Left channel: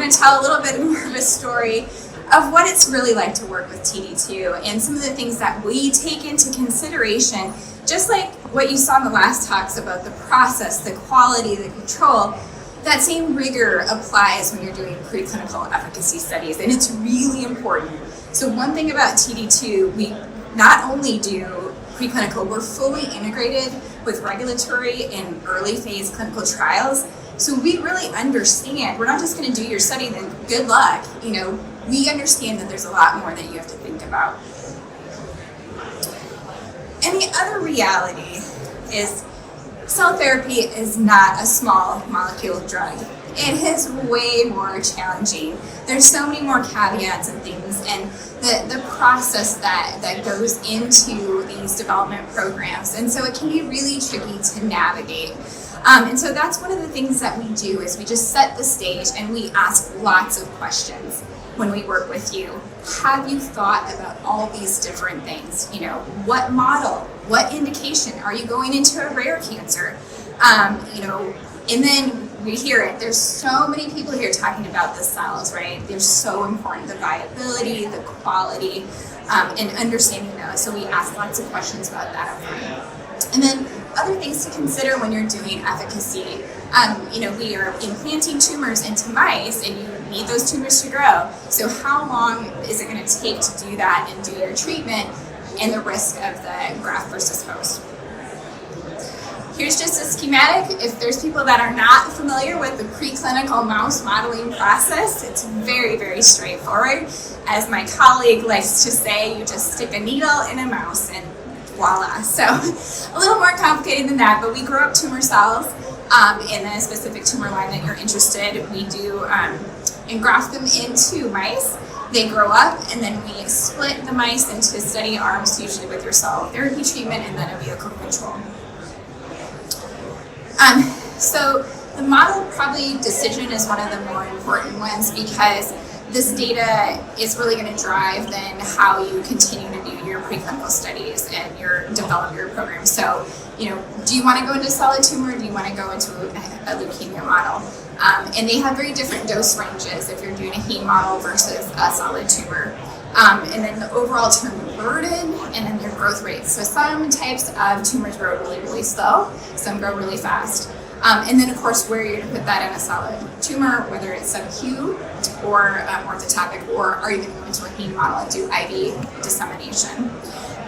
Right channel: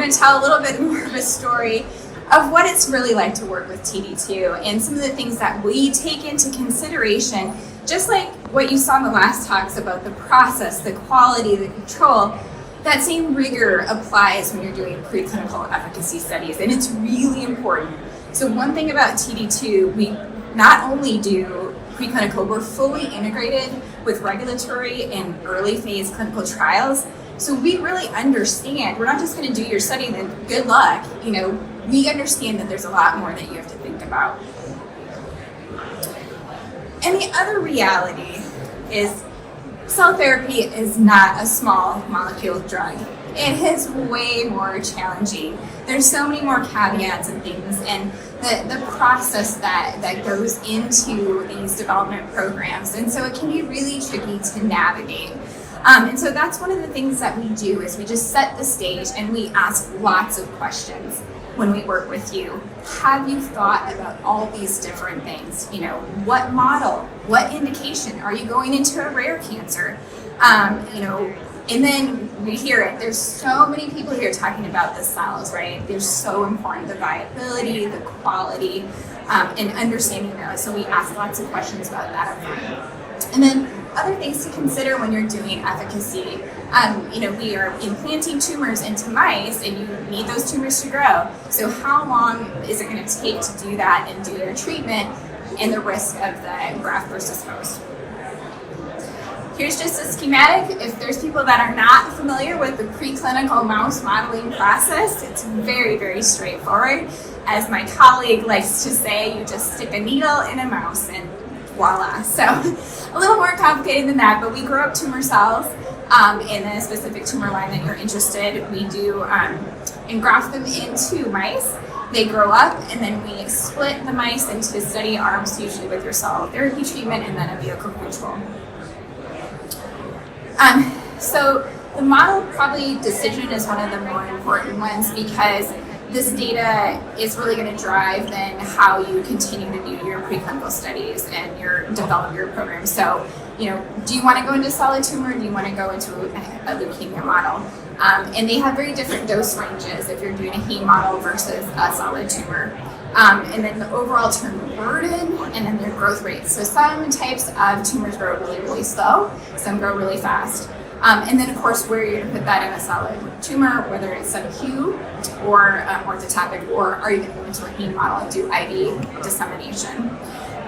going to tell a little bit more of a story of what it's really like to work with TD2 and some of the things that we take into consideration, just like what you saw in the last talks about the process, the quality, the control. That same rigor applies when you're doing preclinical efficacy studies, and it's really important. So one thing about TD2, we not only do preclinical, we're fully integrated with regulatory and early phase clinical trials. So we really understand, we're not just going to do your study, then good luck. We understand that there's a lot more that you have to think about. And the other reality is cell therapy is not a small molecule drug. It is way more challenging. There's so many more caveats and things, and the process that goes into these development programs. And so it can be really tricky to navigate. And so that's one of the things that we do is we just set the stage and we ask lots of questions when we work with you. Have you thought about all these different things? What model, what indication? Are you going into a rare cancer? And then we hear it. There's so many people here talking about the cells, right? They're so important, the viability, the quality, and understanding those. So we ask lots of questions about that. And then other things to consider when you're doing efficacy. We are implanting tumors into mice, and you need those tumors to grow. So how long is it going to take to do that and do your treatment, and the risk of the graft versus host? Here's just a schematic. If there's people that are not familiar with the preclinical mouse modeling process, it's very, very straightforward. As my colleague likes to say, you just stick a needle in a mouse and voila. So a little more complicated than that, but we grow up tumor cells in the specific tumor line that you're interested. We do engraft them into mice. They grow up, and then we split the mice into study arms, usually with your cell therapy treatment and then a vehicle control. So the model probably decision is one of the more important ones, because this data is really going to drive then how you continue to do your preclinical studies and develop your program. So, do you want to go into solid tumor? Do you want to go into a leukemia model? And they have very different dose ranges if you're doing a heme model versus a solid tumor. And then the overall tumor burden, and then their growth rates. So some types of tumors grow really, really slow. Some grow really fast. And then, of course, where you're going to put that in a solid tumor, whether it's sub-Q or orthotopic, or are you going to go into a heme model and do IV dissemination?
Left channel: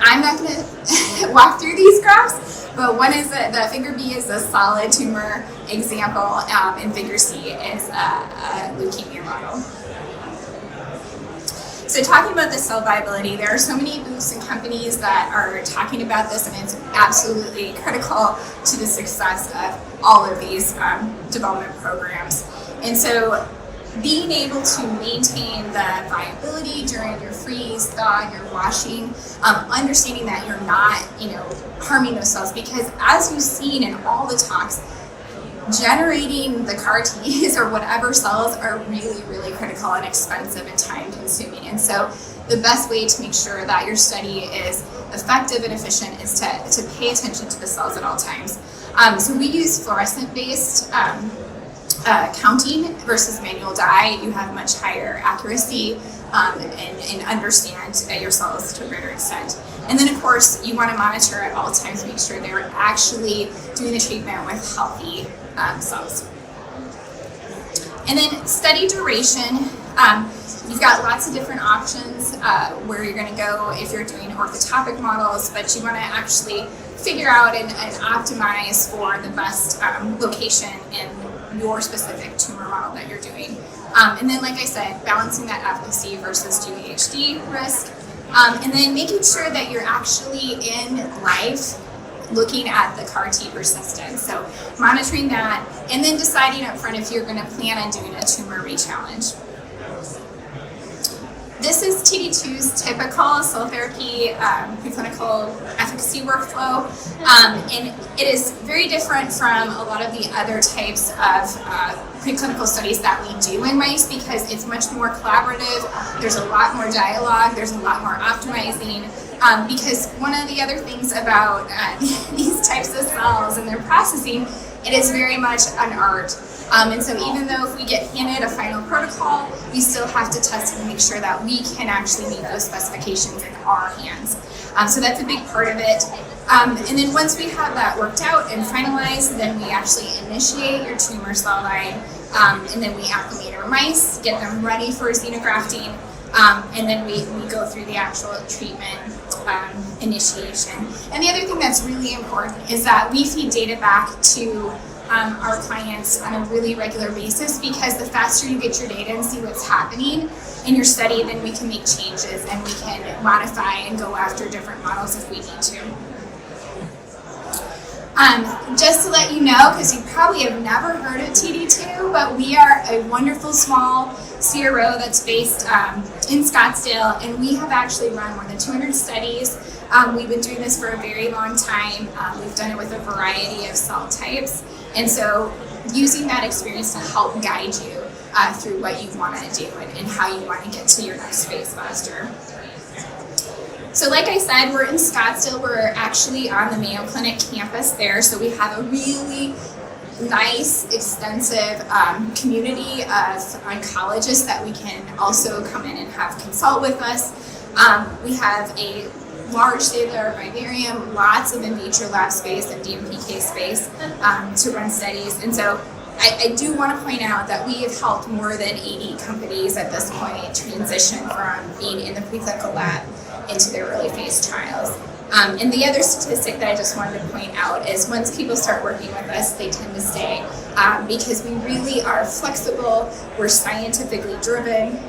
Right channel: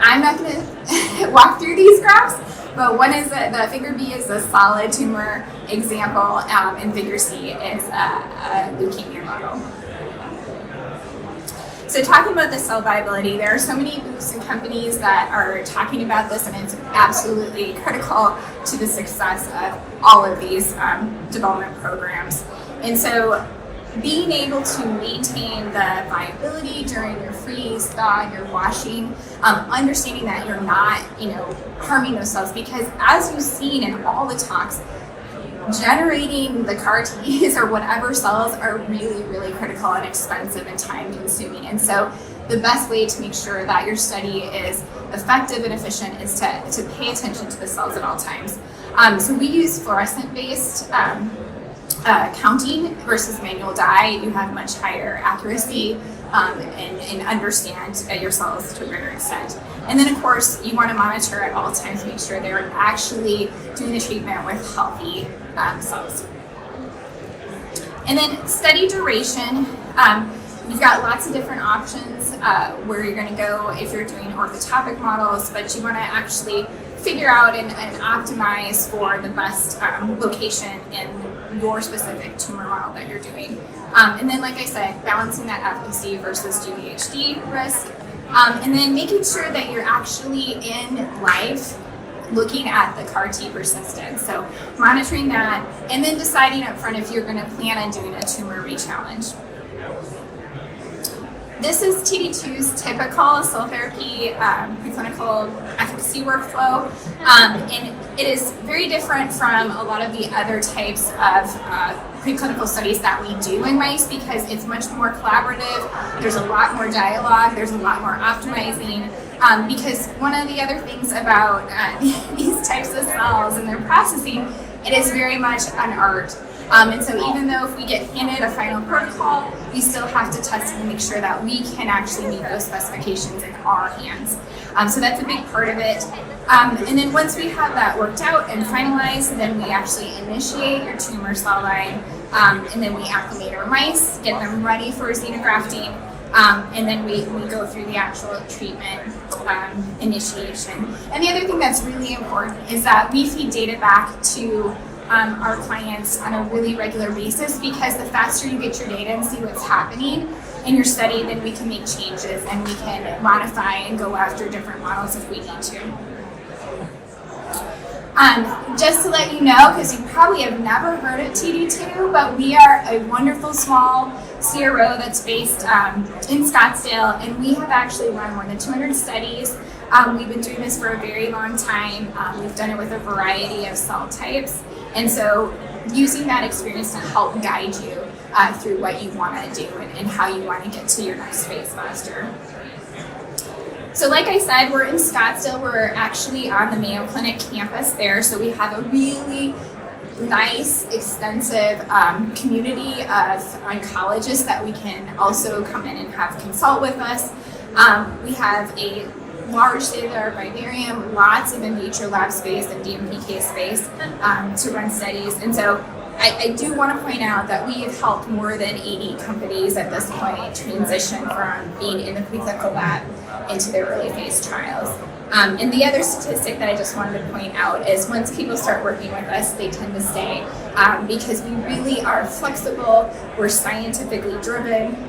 I'm not going to walk through these graphs, but one is the figure B is a solid tumor example, and figure C is a leukemia model. So talking about the cell viability, there are so many groups and companies that are talking about this, and it's absolutely critical to the success of all of these development programs. And so being able to maintain the viability during your freeze, thaw, and your washing, understanding that you're not, harming those cells, because as you've seen in all the talks, generating the CAR Ts or whatever cells are really, really critical and expensive and time consuming. And so the best way to make sure that your study is effective and efficient is to pay attention to the cells at all times. So we use fluorescent-based counting versus manual dye. You have much higher accuracy and understand your cells to a greater extent. And then, of course, you want to monitor at all times, make sure they're actually doing the treatment with healthy cells. And then study duration. You've got lots of different options where you're going to go if you're doing orthotopic models, but you want to actually figure out and optimize for the best location in your specific tumor model that you're doing. And then, like I said, balancing that efficacy versus GVHD risk. And then making sure that you're actually in life looking at the CAR T persistence. So monitoring that, and then deciding up front if you're going to plan on doing a tumor rechallenge. This is TD2's typical cell therapy preclinical efficacy workflow, and it is very different from a lot of the other types of preclinical studies that we do in mice, because it's much more collaborative. There's a lot more dialogue. There's a lot more optimizing. Because one of the other things about these types of cells and their processing, it is very much an art. And so even though if we get handed a final protocol, we still have to test and make sure that we can actually meet those specifications in our hands. So that's a big part of it. And then once we have that worked out and finalized, then we actually initiate your tumor cell line, and then we acclimate our mice, get them ready for xenografting, and then we go through the actual treatment initiation. And the other thing that's really important is that we feed data back to our clients on a really regular basis, because the faster you get your data and see what's happening in your study, then we can make changes and we can modify and go after different models if we need to. Just to let you know, because you probably have never heard of TD2, but we are a wonderful small CRO that's based in Scottsdale, and we have actually run more than 200 studies. We've been doing this for a very long time. We've done it with a variety of cell types, and so using that experience to help guide you through what you want to do and how you want to get to your next phase faster. So like I said, we're in Scottsdale. We're actually on the Mayo Clinic campus there. So we have a really nice, extensive community of oncologists that we can also come in and have consult with us. We have a large state-of-the-art vivarium, lots of in vitro lab space and DMPK space to run studies. And so I do want to point out that we have helped more than 80 companies at this point transition from being in the preclinical lab into their early phase trials. And the other statistic that I just wanted to point out is once people start working with us, they tend to stay because we really are flexible, we're scientifically driven.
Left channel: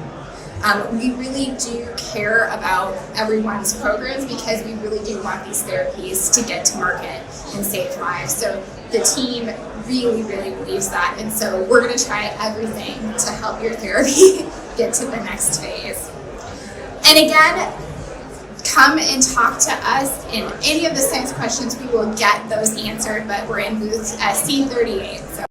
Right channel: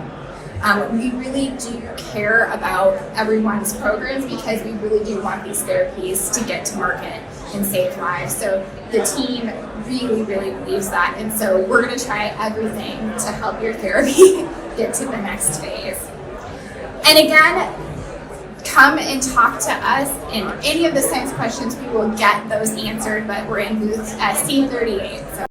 We really do care about everyone's programs because we really do want these therapies to get to market and save lives. So the team really, really believes that. And so we're going to try everything to help your therapy get to the next phase. And again, come and talk to us. In any of the science questions, we will get those answered, but we're in booth C38. So.